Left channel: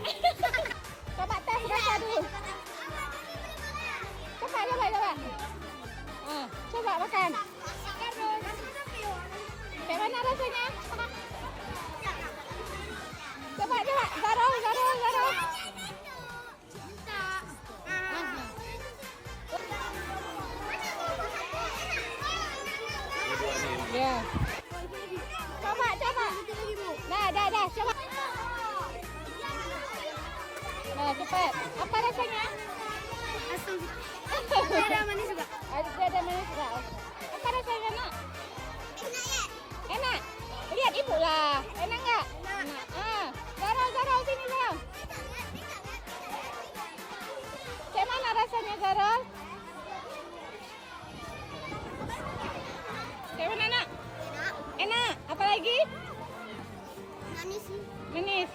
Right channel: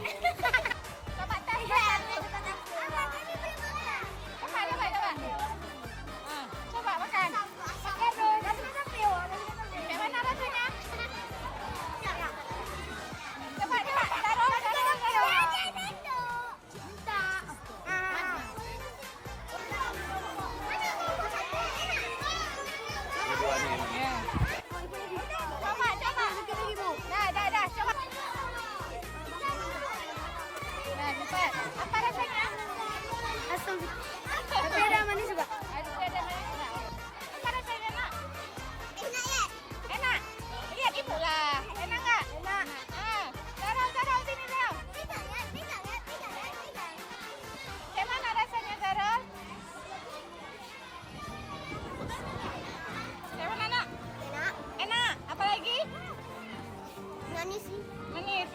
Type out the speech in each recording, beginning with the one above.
Coba teh satu. Coba makan. Terus. Gimana rasanya? Coba. Ada manis juga. Ada manis juga. Apa rasanya, Nak? Enak ya? Enak. Lihat itulah. Enak nggak? Enak. Zara, sini. Gimana rasanya, Zara? Gimana, Nak? Enak. Enak. Apa lagi? Manis sih. Manis.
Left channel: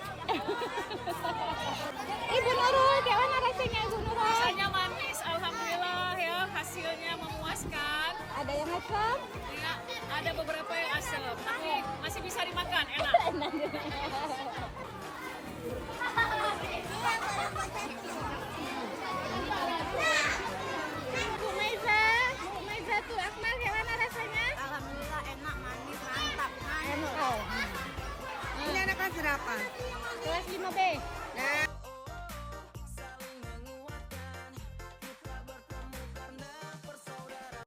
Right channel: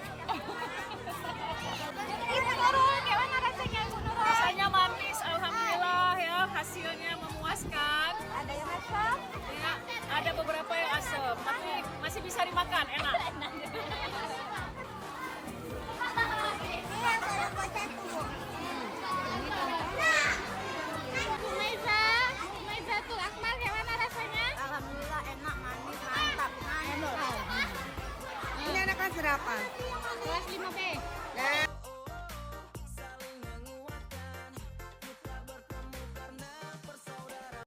Gimana rasanya? Rasanya manis, alhamdulillah ya, hasilnya memuaskan. Ada yang asam? Ya, ada beberapa yang asam, tapi masih bisa dimakan, enak. Maiza tuh Akmal gimana rasanya? Alhamdulillah enak, manis, mantap. Enak. Ini anak kelas berapa? Kelas 5B. Nah,